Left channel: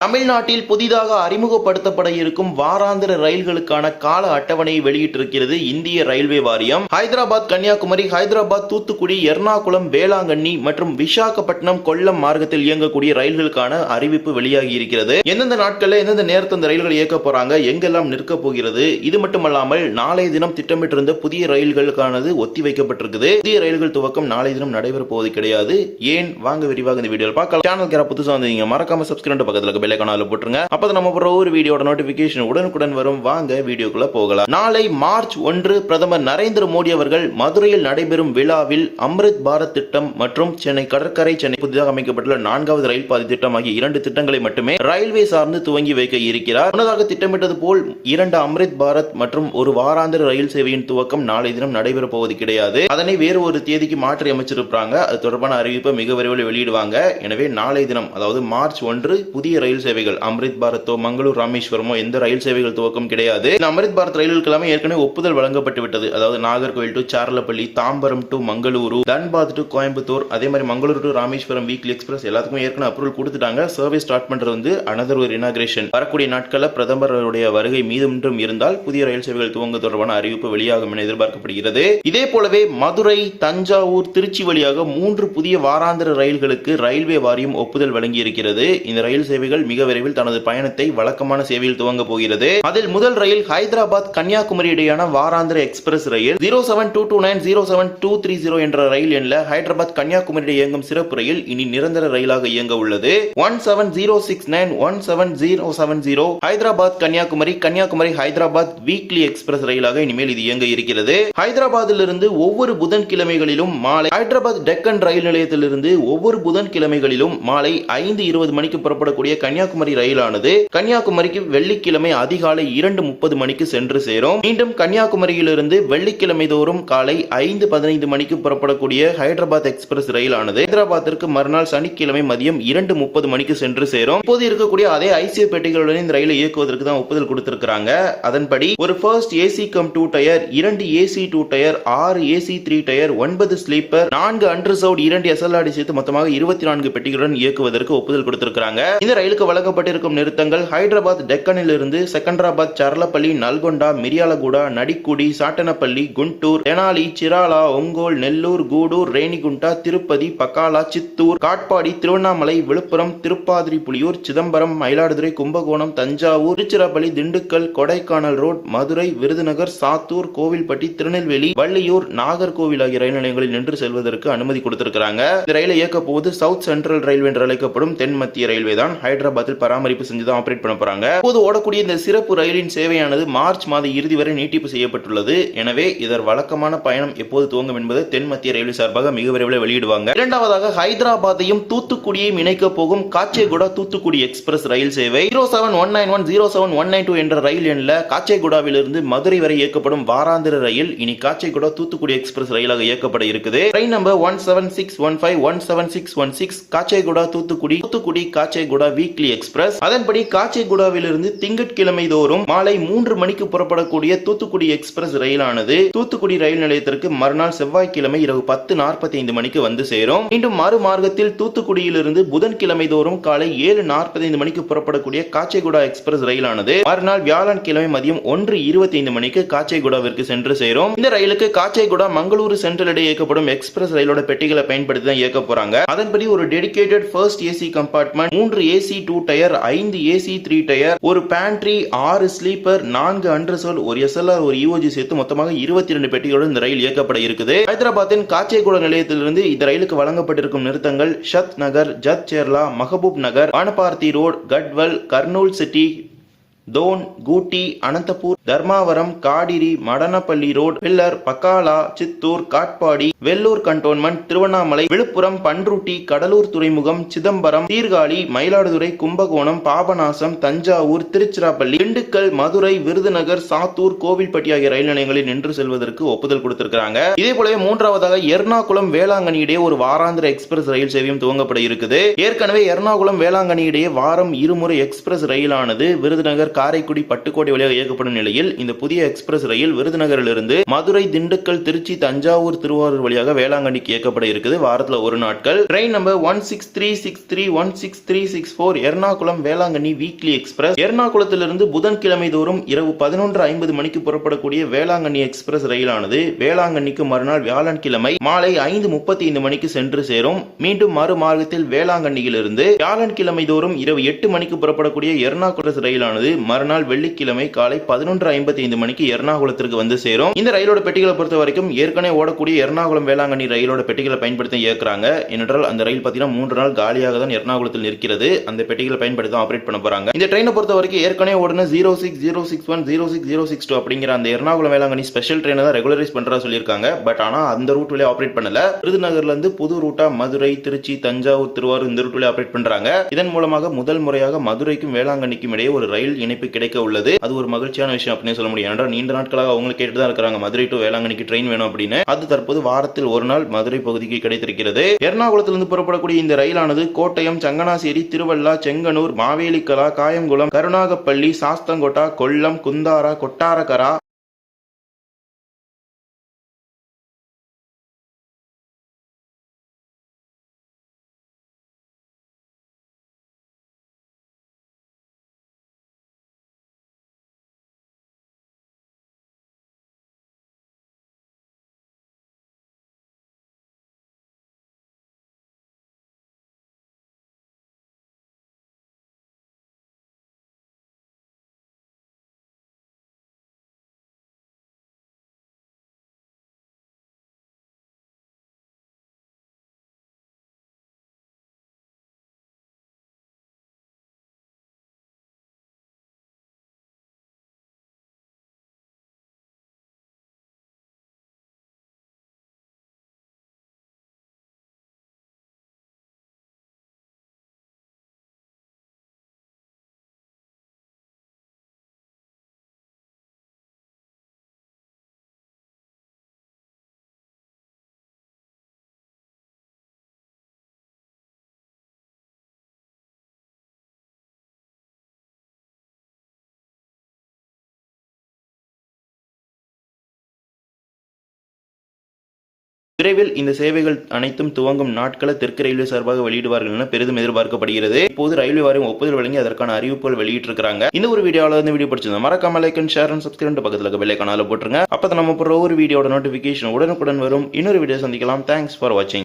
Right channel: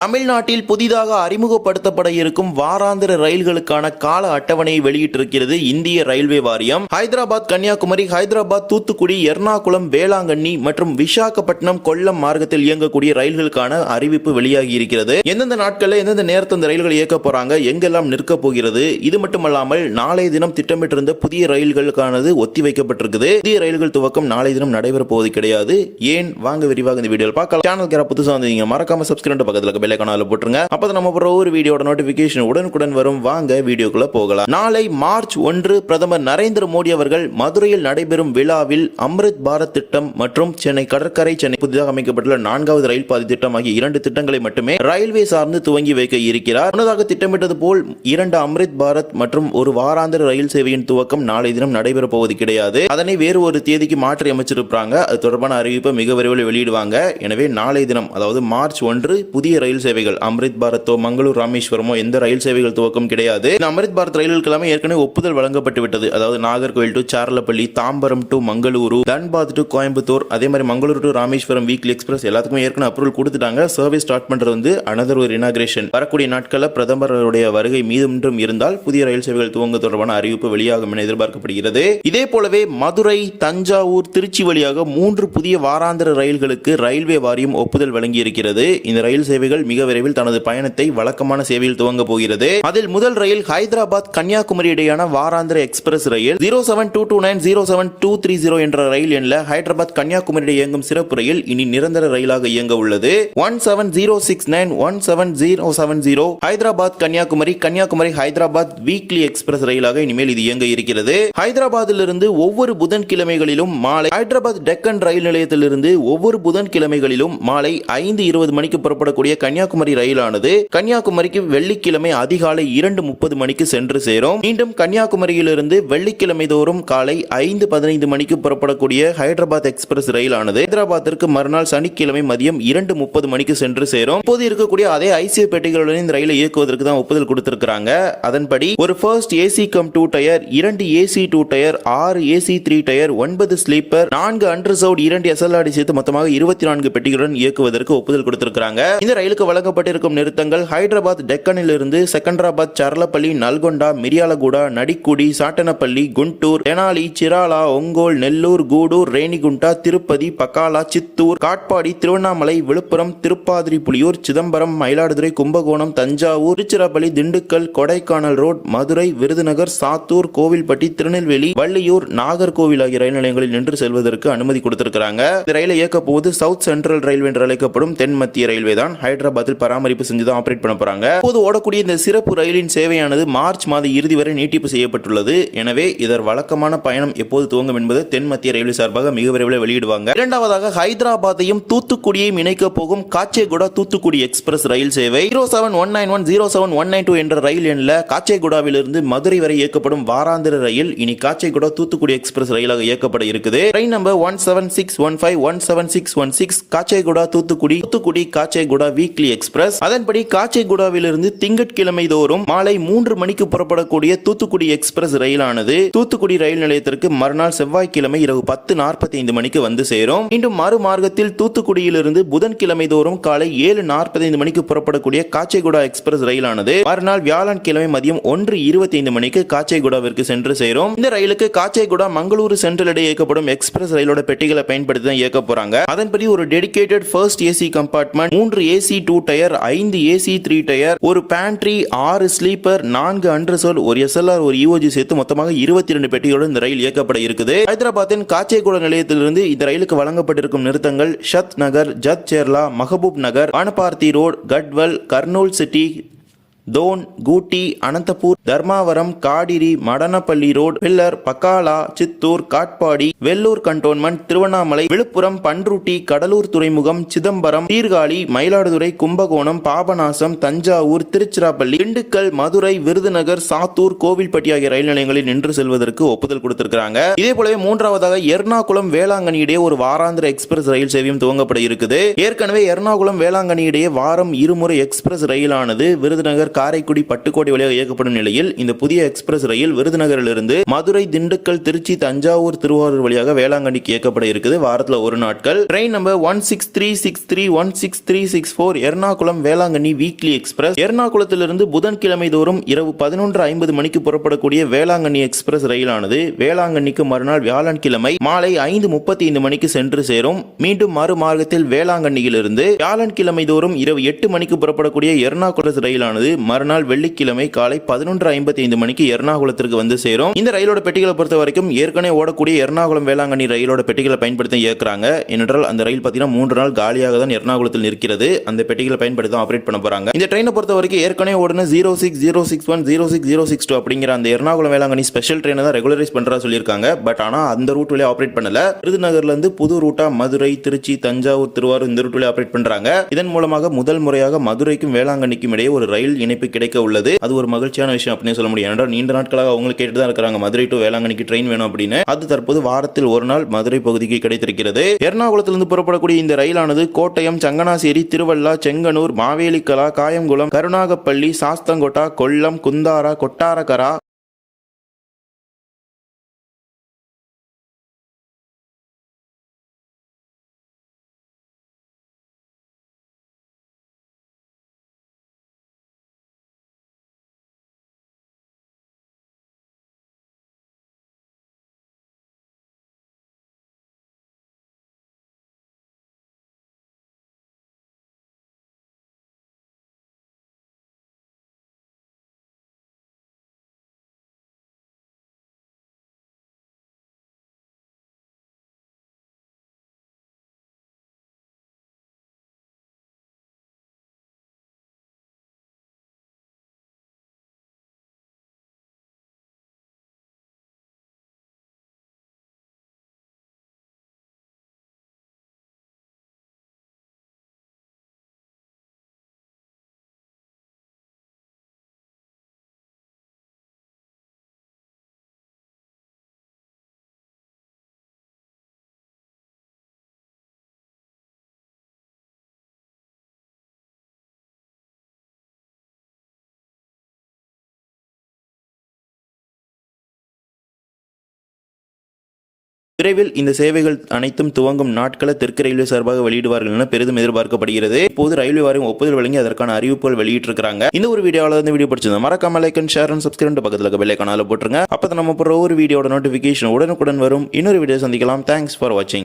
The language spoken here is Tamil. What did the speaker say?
தமிழ்நாட்டில் புதிதாக அறிமுகப்படுத்தப்பட இருக்கும் வாராந்திர ரயில்களுக்கான கால அட்டவணையை வெளியிட்டிருக்கிறது இந்திய ரயில்வே வாரியம். ஹைதராபாத் கன்னியாகுமரி, ஹைதராபாத் தூத்துக்குடி, எர்ணாகுளம் வேளாங்கண்ணி மற்றும் விசாகப்பட்டினம் கொல்லம் மார்க்கத்தில் இயங்கக்கூடிய ரயில்களுக்கான அறிவிப்பு வெளியாகி இருக்கிறது. எந்தெந்த நாட்களில் எந்தெந்த நேரத்தில் இந்த ரயில்கள் இயக்க போறாங்க, எங்கெல்லாம் நிற்க போகிறது, இது மட்டுமல்லாமல் நாளைய தினம் திட்டமிட்டிருந்த புதிய ரயில்களுக்கானது ஒத்திவைக்கப்பட்டிருக்குது. புதிய ரயில்கள் துவக்கம் நாளைய தினம் நடைபெற போவது கிடையாது. ஏன், வாங்க விரிவாக இந்த வீடியோவில் பார்க்கலாம். சேனலுக்கு புதுசாக வந்தீங்க மறக்காம சப்ஸ்கிரைப் பக்கத்தில் பெல் ஐகானை போட்டுருங்க. அப்பதான் நம்ம போற ஒரு வீடியோட நோட்டிபிகேஷன் உடனுக்குடன் வரும். வாங்க வீடியோக்குள்ள போகலாம். நாளை மார்ச் 1 பிரதமர் நரேந்திர மோடி அவர்கள் மதுரையில் நடைபெறும் விழாவில் அம்ரித் பாரத் திட்டம் மற்றும் சென்னை கடற்கரை சென்னை புதிதாக அமைக்கப்பட்டுள்ள 4வது ரயில் பாதை திட்டம் ஆகிய 2 திட்டங்களை மட்டுமே ரயில்வே சார்ந்து துவங்கி வைக்க இருக்கிறார். முன்னதாக திட்டமிட்டது போல் 2 அம்ரித் பாரத் மற்றும் ஒரு வாராந்திர ரயில் சேவையின் துவக்கம் நாளை தினம் நடைபெற போவது கிடையாது. அதனை வேறு ஒரு தேதிக்கு மாற்றி அமைச்சிருப்பாங்க. அது தொடர்பான அறிவிப்பை மிக விரைவில் வெளியிடுவாங்க. எனவே நாளை தினம், அதாவது மார்ச் 1 புதிய ரயில் சேவைகள் அம்ரித் பாரத்தோ மங்களூர் ராமேஸ்வரமோ எந்த ரயில் சேவைகள் துவக்கம் கிடையாது. அம்ரித் பாரத் ரயில்களுக்கு ஏற்கனவே ஒப்புதல் வழங்கப்பட்டு விட்டது. அதாவது Nagercoil to Charlapalli, Tambaram to Mangaluru, Dhanbad to Coimbatore, அதே மாதிரி Mangalore to Rameswaram weekly express எல்லாத்துக்குமே ஏற்கனவே அப்ரூவல் கொடுத்துட்டாங்க. சர்வீஸ் ஸ்டார்ட் பண்றது வந்து அனதர் ஒரு இனாகிரேஷன். வரக்கூடிய நாட்களில் பிரதமருடைய வருகை மீதும் இருந்தால் புதிய ரயில் சேவைகள் துவங்க தொடர்பான அறிவிப்பு வெளியாகும் என எதிர்பார்க்கப்படுகிறது. இதே போலவே மதுரை, தஞ்சாவூர், திருச்சி வழியாக 3 புதிய வாராந்திர ரயில்களுக்கு ரயில்வே வாரியம் ஒப்புதல் வழங்கி இருக்கிறது. இந்த ரயில் சேவைகள் மிக விரைவில் தனது பயணத்தை வழக்கமான சேவையில் துவங்க போகிறது. அதில் முதல் ரயில் ஹைதராபாத் கன்னியாகுமரி இடையான வாராந்திர எக்ஸ்பிரஸ் ரயில் 07229 07230 என்ற ரயில் எண்ணில் ஹைதராபாத் கன்னியாகுமரி இயங்கும் சிறப்பு ரயில் இனி நிரந்தர ரயிலாக இயங்க உள்ளது. 17069 17070 ஹைதராபாத் கன்னியாகுமரி, கன்னியாகுமரி ஹைதராபாத் வீக்லி எக்ஸ்பிரஸ் ரயிலாக இனிமேல் இது இயங்க இருக்கிறது. ஹைதராபாத்திலிருந்து ஒவ்வொரு புதன்கிழமைகளிலும் மாலை, ஹைதராபாத் டெக்கன் ரயில் நிலையத்திலிருந்து ஒவ்வொரு புதன்கிழமைகளிலும் மாலை 5:20 மணிக்கு புறப்படக்கூடிய கன்னியாகுமரி ரயிலானது கன்னியாகுமரிக்கு வெள்ளிக்கிழமை அதிகாலை 2:30 மணிக்கு சென்று சேரும். மீண்டும் கன்னியாகுமரியிலிருந்து வெள்ளிக்கிழமை தோறும் காலை 5:15 மணிக்கு புறப்படக்கூடிய ஹைதராபாத் எக்ஸ்பிரஸ் ரயிலானது ஹைதராபாத்திற்கு மறுநாள் சனிக்கிழமை மதியம் 2:30 மணிக்கு சென்று சேரும். இப்போது இருக்கக்கூடிய அதே ஐசியூ பெட்டிகளுடன் இந்த ரயிலை இயக்குவதற்கு தான் ஒப்புதல் கொடுத்திருக்கிறாங்க. அதன்படி ஒரு first AC cum 2 tier, 2 AC 2 tier, 6 AC 3 tier, 9 sleeper, 4 unreserved, 2 SLRD சேர்த்து மொத்தமாக 24 பெட்டிகளுடன் இயக்குவதற்கு ஒப்புதல் கொடுத்திருக்கிறாங்க. இந்த ரயிலுக்கு வழங்கப்பட்டிருக்கும் நிறுத்தங்கள் ஹைதராபாத் டெக்கனில் இருந்து செகண்டராபாத், சர்லப்பள்ளி, நல்கொண்டா, மிரியாலகுடா, நடிக்குடி, சாட்டனப்பள்ளி, குண்டூர், தெனாலி, சிராலா, ஒங்கோல், நெல்லூர், கூடூர், ரேணிகுண்டா, திருப்பதி, பக்காலா, சித்தூர், காட்பாடி, திருவண்ணாமலை, விழுப்புரம், திருப்பாதிரி புலியூர், சிதம்பரம், மயிலாடுதுறை, கும்பகோணம், தஞ்சாவூர், திருச்சிராப்பள்ளி, திண்டுக்கல், கொடைக்கானல் ரோட், மதுரை, விருதுநகர், சாத்தூர், கோவில்பட்டி, திருநெல்வேலி, வள்ளியூர், நாகர்கோவில் ஆகிய ரயில் நிலையங்களில் நின்று செல்வதற்கு அனுமதி கொடுத்திருக்கிறாங்க. இந்த ரயிலை இயக்க போது சவுத் சென்ட்ரல் ரயில்வே என்று அழைக்கப்படும் தென் மத்திய ரயில்வே தான் ஹைதராபாத்தில் பராமரிப்பு செஞ்சுதான் ஆபரேட் பண்ண போறாங்க. இப்போது ஓடக்கூடிய இந்த சிறப்பு ரயிலின் சேவையானது மார்ச் மாத இறுதி வரை நீட்டிப்பு செய்யப்பட்டுள்ளது. எனவே இதர் வழக்கமான பயணம் எப்போது துவங்கும் என்பது தென் மத்திய ரயில்வே சார்பாக மிக விரைவில் வெளியிடுவாங்க. இரண்டாவதாக ஹைதராபாத்தையும் தூத்துக்குடியையும் இணைக்க போகும் காச்சேகுடா தூத்துக்குடி எக்ஸ்பிரஸ் ரயில் சேவை 07191 07192 என்ற ரயில் எண்ணில் காச்சேகுடாவிலிருந்து மதுரை வரை இயக்கப்படும் வாராந்திர ரயில் இனி காச்சேகுடா தூத்துக்குடி எக்ஸ்பிரஸ் ரயிலாக இயக்கப்பட இருக்குது. Train number 17615 17616 Kacheguda Thoothukudi, Thoothukudi Kacheguda weekly express. அதன்படி காச்சேகுடாவிலிருந்து திங்கட்கிழமை தோறும் மாலை 3 மணிக்கு புறப்படக்கூடிய தூத்துக்குடி எக்ஸ்பிரஸ் ரயிலானது தூத்துக்குடி ரயில் நிலையத்திற்கு மறுநாள் செவ்வாய்க்கிழமை இரவு 10:45 மணிக்கு வந்து சேரும். மீண்டும் மறுமார்க்கத்தில் தூத்துக்குடியிலிருந்து புதன்கிழமை தோறும் காலை 7:45 மணிக்கு புறப்படக்கூடிய காச்சேகுடா எக்ஸ்பிரஸ் ரயிலானது மறுநாள் வியாழன்கிழமை மதியம் 1:25 மணிக்கு காச்சேகுடாவிற்கு சென்று சேரும். இந்த ரயிலுக்கு காச்சேகுடா மங்களூரு சென்ட்ரல் இடையே இயக்கப்படும் எக்ஸ்பிரஸ் ரயிலோட பெட்டிகளை பயன்படுத்தி தான் இயக்க போறாங்க. அதன்படி ஒரு dedicated first AC compartment, 3 AC 2 tier, 5 AC 3 tier, ஒரு பேண்ட்ரி, 6 ஸ்லீப்பர், 4 அன்ரிசர்வ்ட், ஒரு எஸ்எல்ஆர், ஒரு இஓஜி சேர்த்து மொத்தமாக 22 பெட்டிகளுடன் இந்த ரயில் இயக்கப்பட இருக்குது. ஹைதராபாத்தின் காச்சேகுடா நிலையத்திலிருந்து இந்த ரயிலுக்கு வழங்கப்பட்டிருக்கும் நிறுத்தங்கள் ஷத் நகர், ஜத் சேர்லா, மஹபூப் நகர், வானபார்த்தி ரோட், கட்வல், கர்னூல் சிட்டி, தோன், கூட்டி, Anantapur, Dharmavaram, காடிரி, Madanapalle road, pillar, பக்காலா, Chittoor, Katpadi, Vellur cantonment, Tiruvannamalai, Villupuram, Panruti, Cuddalore துறைமுகம், சிதம்பரம், சீர்காழி, மயிலாடுதுறை, கும்பகோணம், பாபநாசம், தஞ்சாவூர், திருச்சிராப்பள்ளி, திண்டுக்கல், மதுரை, விருதுநகர், சாத்தூர், கோவில்பட்டி ஆகிய ரயில் நிலையங்களில் நின்று செல்வதற்கு ஒப்புதல் கொடுத்திருக்கிறாங்க. இதே போலவே மூன்றாவதாக எர்ணாகுளம் வேளாங்கண்ணி இடையே ஒரு வாராந்திர எக்ஸ்பிரஸ் ரயில் சேவையும் துவங்கப்பட இருக்குது. ஏற்கனவே எர்ணாகுளம் வேளாங்கண்ணி இடையே வாரம் 2 முறை எக்ஸ்பிரஸ் ரயிலானது விருதுநகர், காரைக்குடி, பட்டுக்கோட்டை வழியாக இயக்கப்படும் நிலையில் ரயில். இந்த புதிய எக்ஸ்பிரஸ் ரயில் விருதுநகரிலிருந்து மதுரை, திண்டுக்கல், திருச்சி, தஞ்சாவூர், திருவாரூர் வழியாக வேளாங்கண்ணிக்கு இயக்கப்பட இருக்குது. வாரத்தில் ஒரு நாட்கள். Train number 16363 16364 Ernakulam Velankanni weekly express. எர்ணாகுளத்திலிருந்து புதன்கிழமை தோறும் இரவு 11:50 மணிக்கு புறப்படக்கூடிய வேளாங்கண்ணி எக்ஸ்பிரஸ் ரயிலானது வேளாங்கண்ணிக்கு மறுநாள் வியாழன்கிழமை மாலை 5:35 மணிக்கு சென்று சேரும். மீண்டும் மறுமார்க்கத்தில் வேளாங்கண்ணியிலிருந்து வியாழன்கிழமை தோறும் இரவு 8 மணிக்கு புறப்படக்கூடிய எர்ணாகுளம் ரயிலானது மறுநாள் வெள்ளிக்கிழமை காலை 11:55 மணிக்கு எர்ணாகுளத்திற்கு வந்து சேரும். இந்த ரயிலோட பெட்டிகளை பொறுத்த வரைக்கும் ஏற்கனவே ஓடக்கூடிய எர்ணாகுளம் வேளாங்கண்ணி ரயிலோட பெட்டிகளை பயன்படுத்தி இயக்குறாங்க. ஏனென்றால் அந்த ரயில் பார்த்தீங்கன்னா 3 நாள் காலியாக தான் எர்ணாகுளத்தில் நிற்கிறது. அந்த பெட்டிகளை பயன்படுத்தி ஆபரேட் பண்ண போறாங்க. இந்த ட்ரெயினை பொறுத்த வரைக்கும் ஏற்கனவே ஓடுன 06061 06062 அப்படிங்கிற அந்த எர்ணாகுளம் வேளாங்கண்ணி ஸ்பெஷல் ட்ரெயினை தான் ரெகுலரைஸ் பண்றதா சொல்லியிருக்காங்க. பட் ஆனா அந்த ரூட் வழியா ஆபரேட் பண்ணல. விருதுநகர்ல இருந்து புது ரூட்டா மதுரை, திருச்சி, தஞ்சாவூர், திருவாரூர் இந்த ரூட் வழியா ஆபரேட் பண்றாங்க. இதன் மூலமாக முதல் முறையாக மதுரைக்கும் வேளாங்கண்ணிக்கும் இடையே ஒரு ரயில் இணைப்பு கிடைக்க உள்ளது. அது ஒரு மகிழ்ச்சியான விஷயம் அப்படின்னு சொல்ல முடியும். ஏனென்றால் நீண்ட நாட்களாக அவங்க கேட்டு தான் இருக்காங்க மதுரை டு வேளாங்கண்ணிக்கு ட்ரெயின் வேணும் அப்படின்னு. அது தற்போது வாரத்தில் ஒரு நாள் மதுரை பகுதிக்கு கிடைத்திருக்கிறது. எர்ணாகுளத்திலிருந்து புறப்படக்கூடிய இந்த ரயிலானது கோட்டயம், சங்கனாசேரி, திருவள்ளா, செங்கனூர், மாவேலிக்கலா, காயங்குளம், கருணாகப்பள்ளி, சாஸ்தங்கோட்டா, கொல்லம், குந்தாரா, கொட்டாரகரா, விரைவில் இந்த சேவைகள் அனைத்தும் துவங்கும் நாட்களை தெற்கு ரயில்வே சார்பாக வெளியிடுவார்கள் என பெரிதும் எதிர்பார்க்கப்படுகிறது. இப்போது ரயில்வே வாரியம் ஒப்புதல் வழங்கி அதற்கான அறிவிப்புகள் வெளியிட்டிருக்காங்க. இந்த ஒரு வீடியோ பிடிச்சிருந்தா மறக்காம like and share and subscribe பக்கத்துல இருக்க பெல் ஐகானை போட்டுருங்க. அப்பதான் நம்ம போற ஒரு வீடியோட நோட்டிபிகேஷன் உடனுக்குடன் வரும். இன்னொரு வீடியோ சந்திக்கலாம். தேங்க்ஸ் ஃபார் வாட்சிங்.